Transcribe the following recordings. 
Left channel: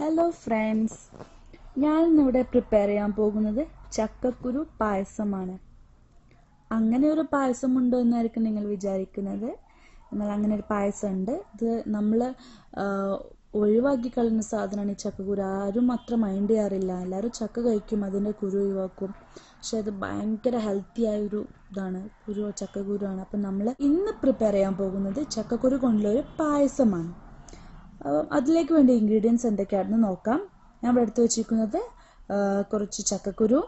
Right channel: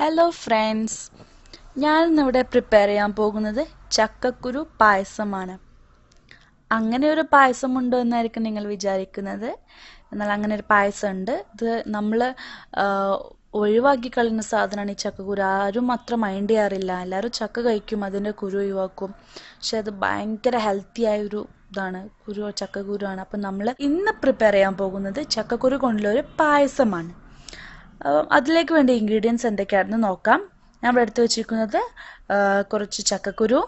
Hello friends ഞാൻ ഇന്നിവിടെ prepare ചെയ്യാൻ പോകുന്നത് ചക്കക്കുരു പായസമാണ്. അങ്ങനെ ഒരു പായസം ഉണ്ടോ എന്നായിരിക്കും നിങ്ങൾ വിചാരിക്കുന്നത്. എന്നാൽ അങ്ങനെ ഒരു പായസം ഉണ്ട് ഇത് നമ്മൾ ഒഴിവാക്കി കളയുന്ന സാധനമാണ് ഈ ചക്കക്കുരു. ആരും അത്ര മൈൻഡ് ചെയ്യാറില്ല. എല്ലാവരും ചക്ക കഴിക്കും അതിന്റെ കുരു ഒഴിവാക്കും. പക്ഷെ അത് ഭയങ്കര ഹെൽത്തി ആയ ഒരു ഇതാണ്. കുരു ചക്കക്കുരുവാണ് അപ്പം നമ്മൾ ഇന്ന് പ്രിപ്പയർ ചെയ്യാൻ പോകുന്നത് ചക്കക്കുരു കൊണ്ടുള്ള ഒരു പായസമാണ്. അതിലേക്ക് വേണ്ട ഇൻഗ്രീഡിയൻസ് എന്തൊക്കെയാണെന്ന് നോക്കാം. ഞാൻ ഇവിടെ എടുത്ത് വെച്ചിരിക്കുന്നത് കുറച്ച് ചക്കക്കുരു.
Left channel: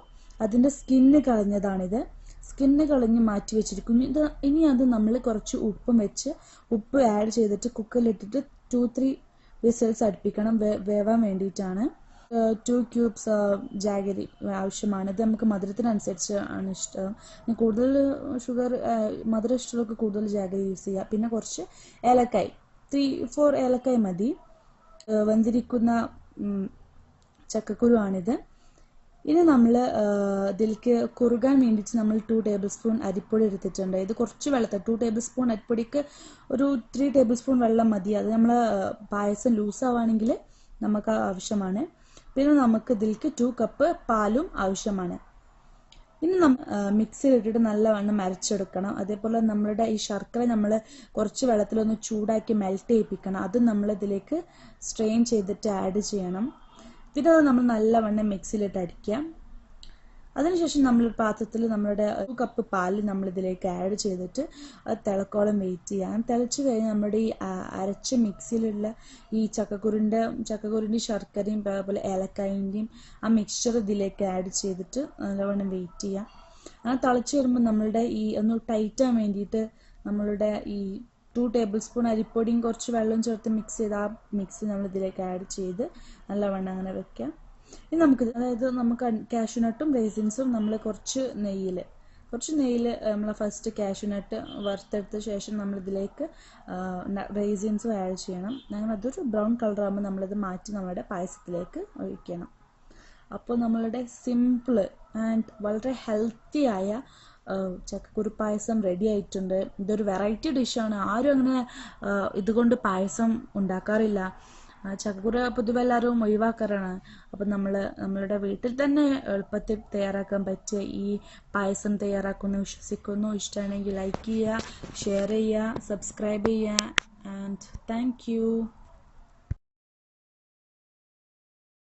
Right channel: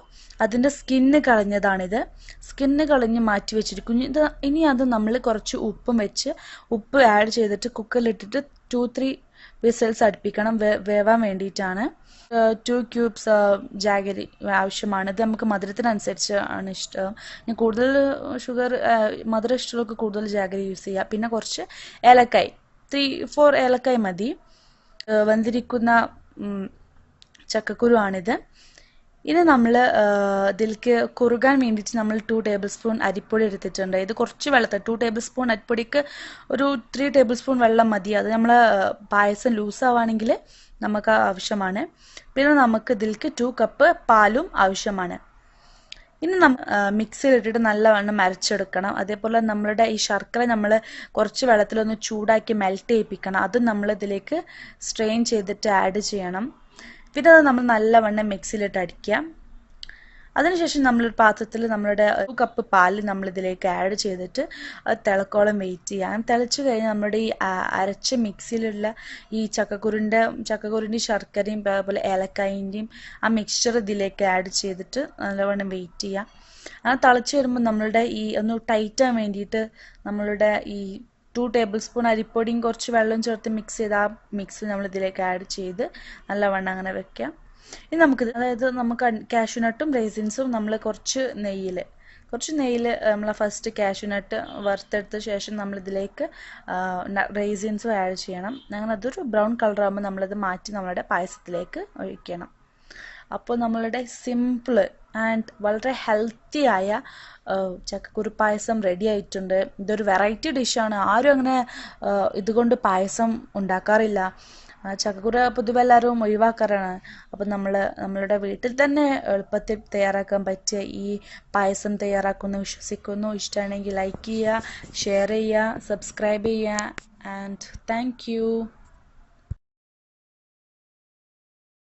അതിന്റെ സ്കിന്ന് കളഞ്ഞതാണിത്. സ്കിന്ന് കളഞ്ഞ് മാറ്റി വെച്ചിരിക്കുന്നു. ഇത് ഇനി അത് നമ്മൾ കുറച്ച് ഉപ്പും വെച്ച് ഉപ്പ് ആഡ് ചെയ്തിട്ട് കുക്കറിലിട്ടിട്ട് ടു ത്രീ വിസൽസ് അടുപ്പിക്കണം. വേവാൻ വേണ്ടിയിട്ടാണ്. ടു ക്യൂബ്സ് ജാഗരി ആവശ്യമാണ്. ഇത് നമുക്ക് മധുരത്തിനനുസരിച്ച് ആണ് ഇഷ്ടം. ഇനി കൂടുതൽ ഷുഗർ മധുരം ഇഷ്ടമുള്ളവർക്ക് കൂടുതൽ ജാഗരി യൂസ് ചെയ്യുക പിന്നെ കുറച്ച് ഏലക്കായ്. ത്രീ ഫോർ ഏലക്കായ് മതി. വന്നിരിക്കുന്ന ചക്കക്കുരു ആണിത് ഇനി നമ്മൾ ഇതിലേക്ക് കുറുകാൻ വേണ്ടിയിട്ട് നമ്മൾ ടു ടേബിൾ സ്പൂൺ അരിപ്പൊടി എടുത്തിട്ടുണ്ട്. ഇത് കുറച്ച് വെള്ളത്തിൽ ടു ടേബിൾ സ്പൂൺ അരിപ്പൊടിക്ക് ഒരു ത്രീ ടേബിൾ സ്പൂൺ വെള്ളം മതി. അത് നമ്മൾ പായസം ലൂസ് ആവുകയാണെങ്കിൽ നമുക്ക് ആവശ്യമാണ്. പിന്നെ നമുക്ക് ഇതിലേക്ക് ടു കപ്പ് പാലും ആവശ്യമാണ്. ഇനി നമ്മൾ മിക്സിയിൽ ഇട്ടിട്ട് നല്ലവണ്ണം അരച്ചെടുക്കണം അതേപോലെ നമ്മളുടെ ഈ ശർക്കര നമ്മൾ കുറച്ച് വെള്ളത്തിലൊന്ന് ചൂടാക്കി മെൽറ്റ് ചെയ്യിപ്പിക്കണം. അത് നമ്മൾ ഇതിലേക്ക് സ്ട്രെയിൻ ചെയ്തിട്ട് ആഡ് ചെയ്യണം. പിന്നെ അത് നമ്മൾ നല്ലവണ്ണം മിക്സിയിലിട്ട് അടിക്കാം അതിനുശേഷം നമ്മൾ പാത്രത്തിൽ നമ്മളുടെ ഒരു കപ്പ് പാൽ നമ്മൾ ഇതിലേക്ക് ആഡ് ചെയ്തിട്ട് തിളക്കോളം വെയിറ്റ് ചെയ്യാം തിളച്ച് കഴിഞ്ഞാൽ നമ്മുടെ ഈ അരച്ച മിക്സിയിലുള്ള ഈ ചക്കക്കുരുന്റെ ചക്കക്കുരുന്റെയും ശർക്കരയും അതുപോലെ ഏലക്കായിന്റെയും ആ മിക്സ്ചർ ഇതിലേക്ക് ആഡ് ചെയ്തിട്ട് നല്ലവണ്ണം വെയിറ്റ് ചെയ്യാം അങ്ങനെ തിളച്ച് വരുമ്പോൾ നമ്മളുടെ ഈ ഒന്ന് ടൈറ്റാൻ വേണ്ടിയിട്ട് നമ്മളുടെ ഈ ടു ടേബിൾ സ്പൂൺ അരിപ്പൊടിയും കുറച്ച് വെള്ളം ചേർത്ത് മിക്സ് ചെയ്ത് ആ മിക്സ് നമ്മൾ ഇതിലേക്ക് ആഡ് ചെയ്ത് നല്ലവണ്ണം അങ്ങനെ വെക്കാം ഇനി നമുക്ക് അതായത് നമുക്ക് കാഷ്യൂനട്ടും റേസിൻസും നമ്മൾ കുറച്ച് നെയ്യിൽ കുറച്ച് നെയ്യിൽ നമ്മൾ ഫസ്റ്റ് കാഷ്യൂനട്ട് വറുത്തെടുത്ത ശേഷം നമ്മൾ ഇതിലേക്ക് റേസിൻസും ആഡ് ചെയ്യണം. അങ്ങനെ അതൊരു ബ്രൗൺ കളർ ആകുമ്പോൾ നമ്മളത് മാറ്റി നമ്മളുടെ പായസത്തിലേക്ക് ഒഴിക്കണം. അപ്പോൾ നമ്മളുടെ സിമ്പിൾ ആൻഡ് വളരെ ഹെൽത്തി ആയ ചക്കക്കുരു പായസം റെഡി ആയിട്ടുണ്ട്. ഇതൊരു വെറൈറ്റി ഡിഷാണ് ആരും അങ്ങനെ ഇതുകൊണ്ട് പായസം ഉണ്ടാക്കാറില്ല. ചക്കക്കുരു പൊതുവെ എല്ലാവരും ഒഴിവാക്കാറാണ്. അപ്പം നമ്മൾ നമ്മളുടെ വീട്ടിൽ തന്നെ എളുപ്പത്തിൽ തയ്യാറാക്കാൻ പറ്റിയ ഈ പായസം തയ്യാറാക്കുന്നു വിശ്വസിക്കുന്നു. ഇഷ്ടമാണെങ്കിൽ ലൈക്ക് ചെയ്യുക ഷെയർ ചെയ്യുക സബ്സ്ക്രൈബ് ചെയ്യുക ആൻഡ് താങ്ക്